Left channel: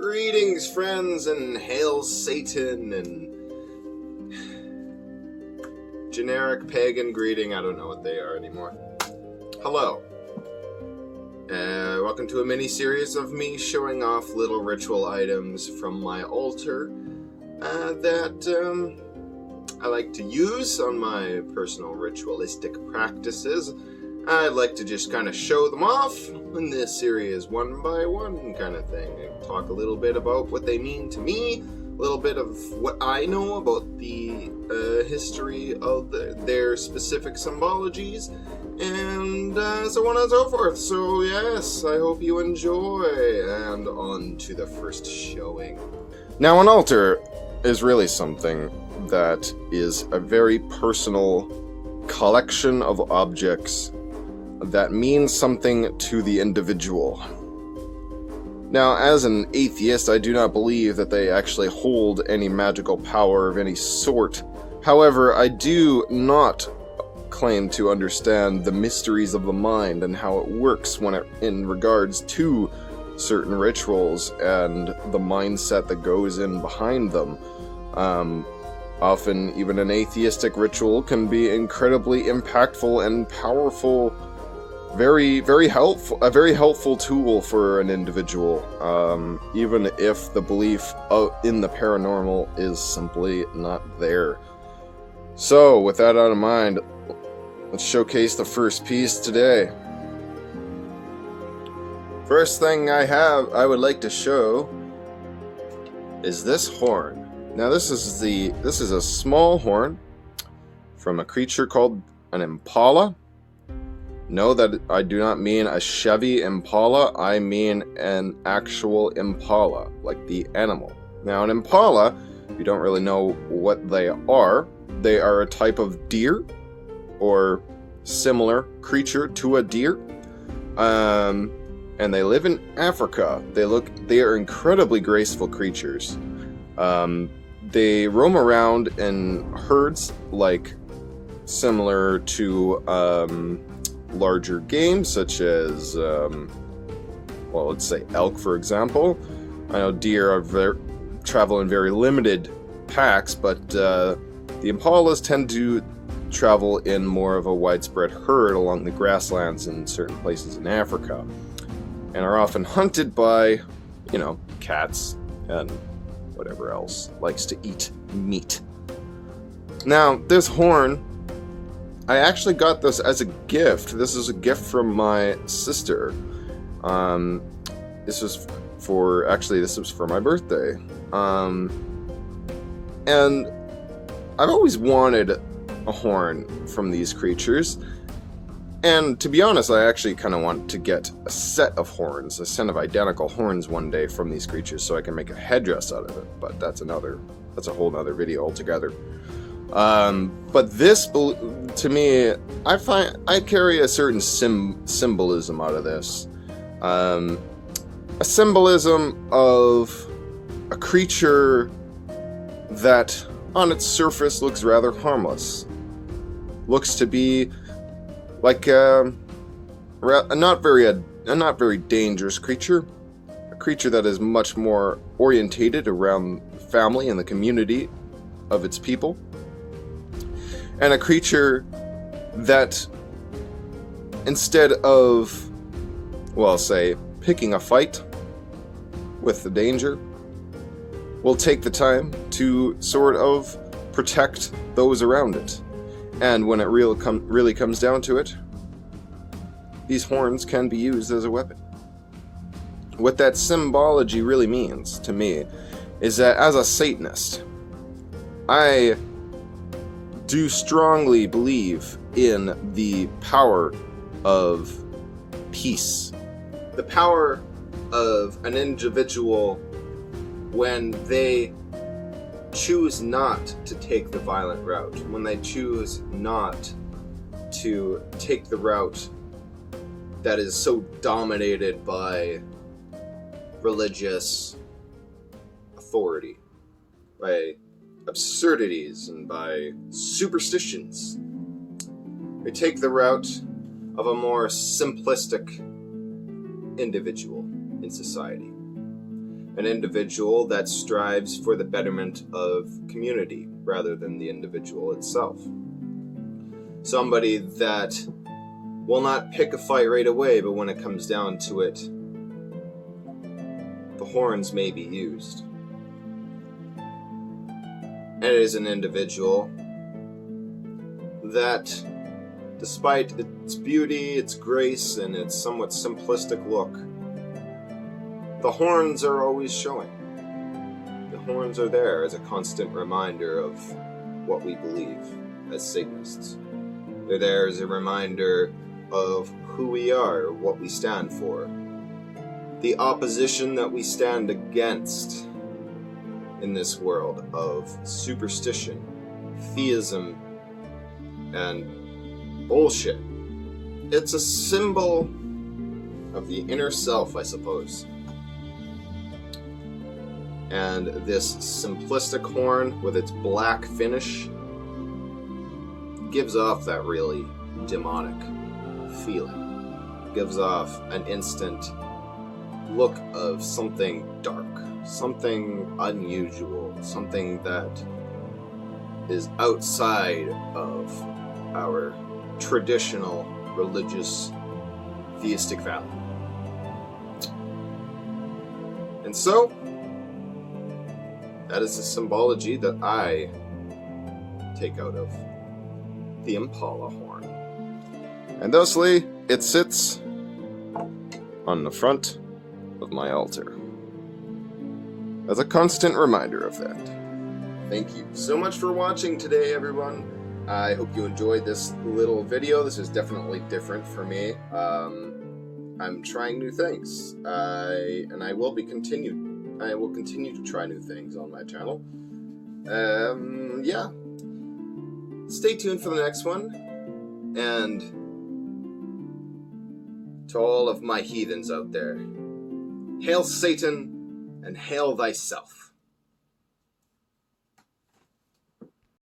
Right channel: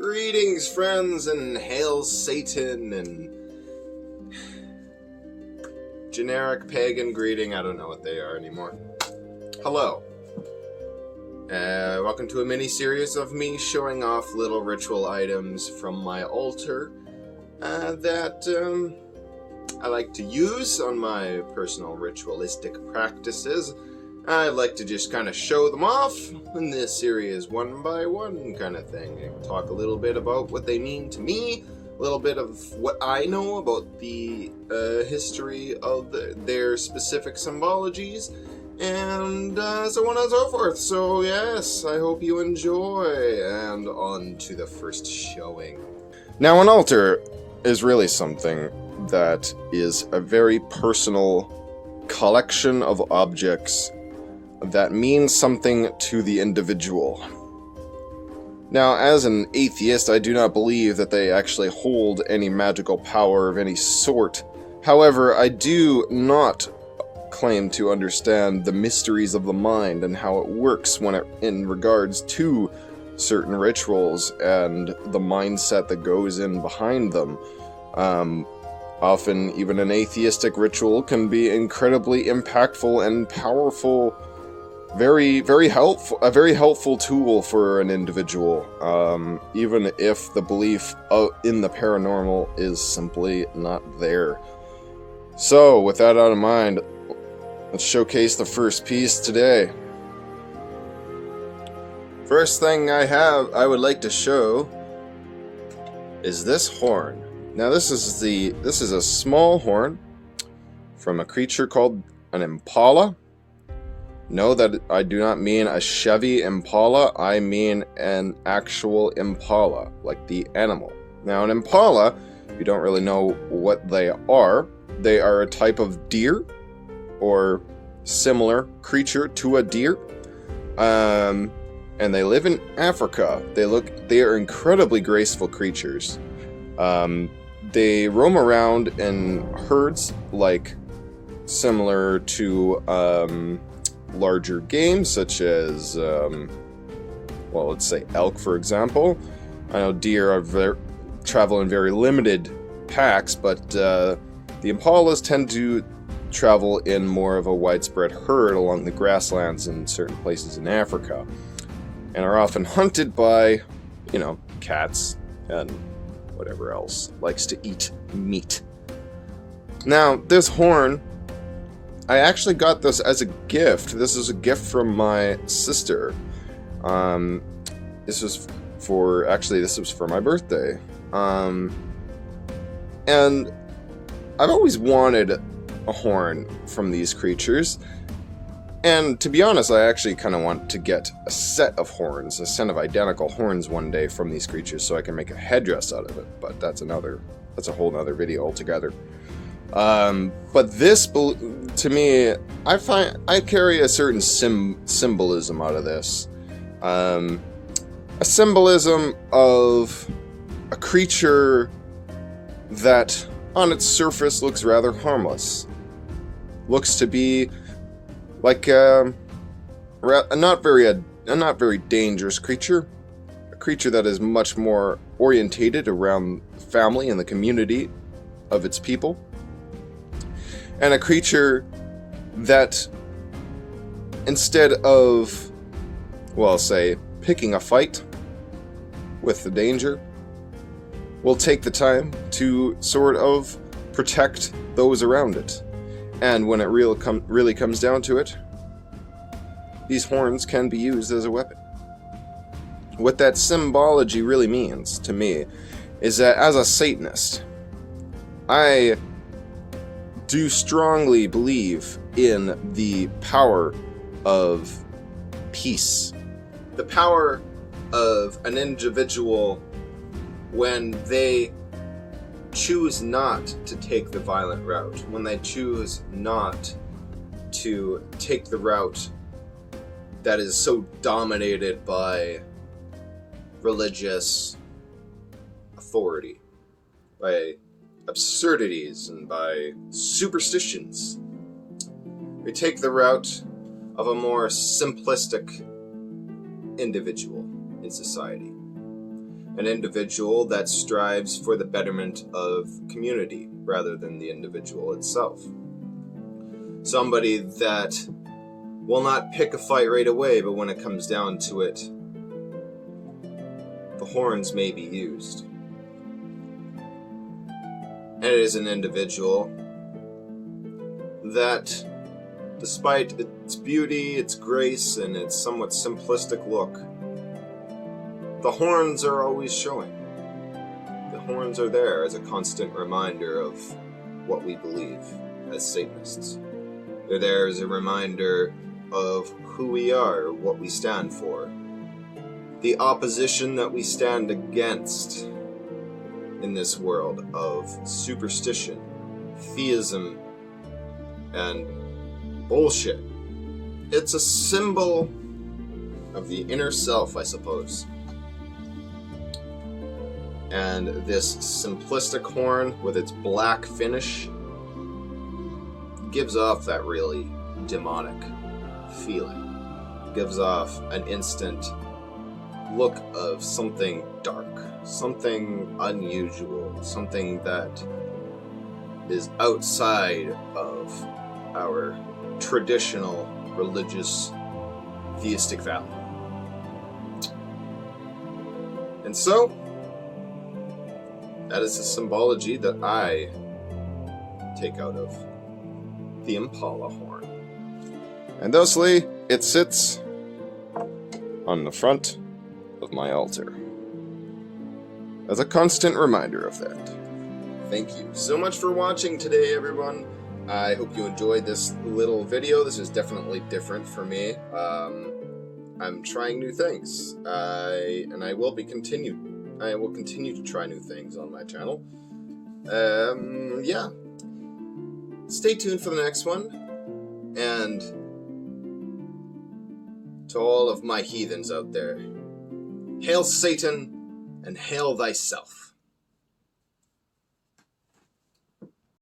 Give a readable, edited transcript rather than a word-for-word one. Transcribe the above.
Greetings, friends, and hail Satan, and generic pagan greeting. I don't know what they are anymore. Hello. Welcome to a mini-series of me showing off little ritual items from my altar that I like to use on my personal ritualistic practices. I like to just kind of show them off in this series one by one kind of thing. I talk a little bit about what they mean to me, a little bit of what I know about the history of their specific symbologies, and so on and so forth. So yes, I hope you enjoy, and on to the first showing. Now, an altar is really something that is a very personal collection of objects that means something to the individual. Now, as an atheist, I do not believe that they actually hold any magical power of any sort. However, I do not claim to understand the mysteries of the mind and how it works in regards to certain rituals and the mindset that goes in behind them. Often, even an atheistic ritual can be incredibly impactful and powerful. Very helpful, a very helpful tool for an individual, even if the belief in the paranormal is simply not there. So, with that out of mind, let's showcase the first piece today. First thing I would like to show is this horn. Now, this is a small horn from a creature called an Impala. No, that I do not mean a Chevy Impala, I mean an actual Impala, like the animal. Now, an Impala, if you don't really know what they are a type of deer, or similar creature to a deer, and they live in Africa. They are incredibly graceful creatures. They roam around in herds, like similar to larger games such as, let's say elk, for example. I know deer travel in very limited packs, but the Impalas tend to travel in more of a widespread herd along the grasslands in certain places in Africa, and are often hunted by, cats and whatever else likes to eat meat. Now, this horn, I actually got this as a gift. This is a gift from my sister. This was for my birthday. And I've always wanted a horn from these creatures. And to be honest, I actually kind of want to get a set of horns, a set of identical horns one day from these creatures so I can make a headdress out of it. But that's a whole other video altogether. But this, to me, I carry a certain symbolism out of this. A symbolism of a creature that, on its surface, looks rather harmless. Looks to be like a not very dangerous creature. A creature that is much more orientated around the family and the community of its people. And a creature that, instead of, say, picking a fight with the danger, will take the time to sort of protect those around it. And when it really comes down to it, these horns can be used as a weapon. What that symbology really means to me is that, as a Satanist, I do strongly believe in the power of peace. The power of an individual when they choose not to take the violent route, when they choose not to take the route that is so dominated by religious authority, by absurdities, and by superstitions. We take the route of a more simplistic individual in society. an individual that strives for the betterment of community rather than the individual itself. Somebody that will not pick a fight right away, but when it comes down to it, the horns may be used. And it is an individual that, despite its beauty, its grace, and its somewhat simplistic look, the horns are always showing. The horns are there as a constant reminder of what we believe as Satanists. They're there as a reminder of who we are, what we stand for, the opposition that we stand against in this world of superstition, theism, and bullshit. It's a symbol of the inner self, I suppose. And this simplistic horn with its black finish gives off that really demonic feeling. Gives off an instant look of something dark, something unusual, something that is outside of our traditional religious theistic value. And so, that is the symbology that I take out of the Impala horn. And thusly, it sits on the front of my altar as a constant reminder of that. Thank you so much for watching today, everyone. I hope you enjoyed this little video. This is definitely different for me. I'm trying new things, and I will continue to try new things on my channel. Yeah. Stay tuned for the next one, and to all of my heathens out there, hail Satan and hail thyself.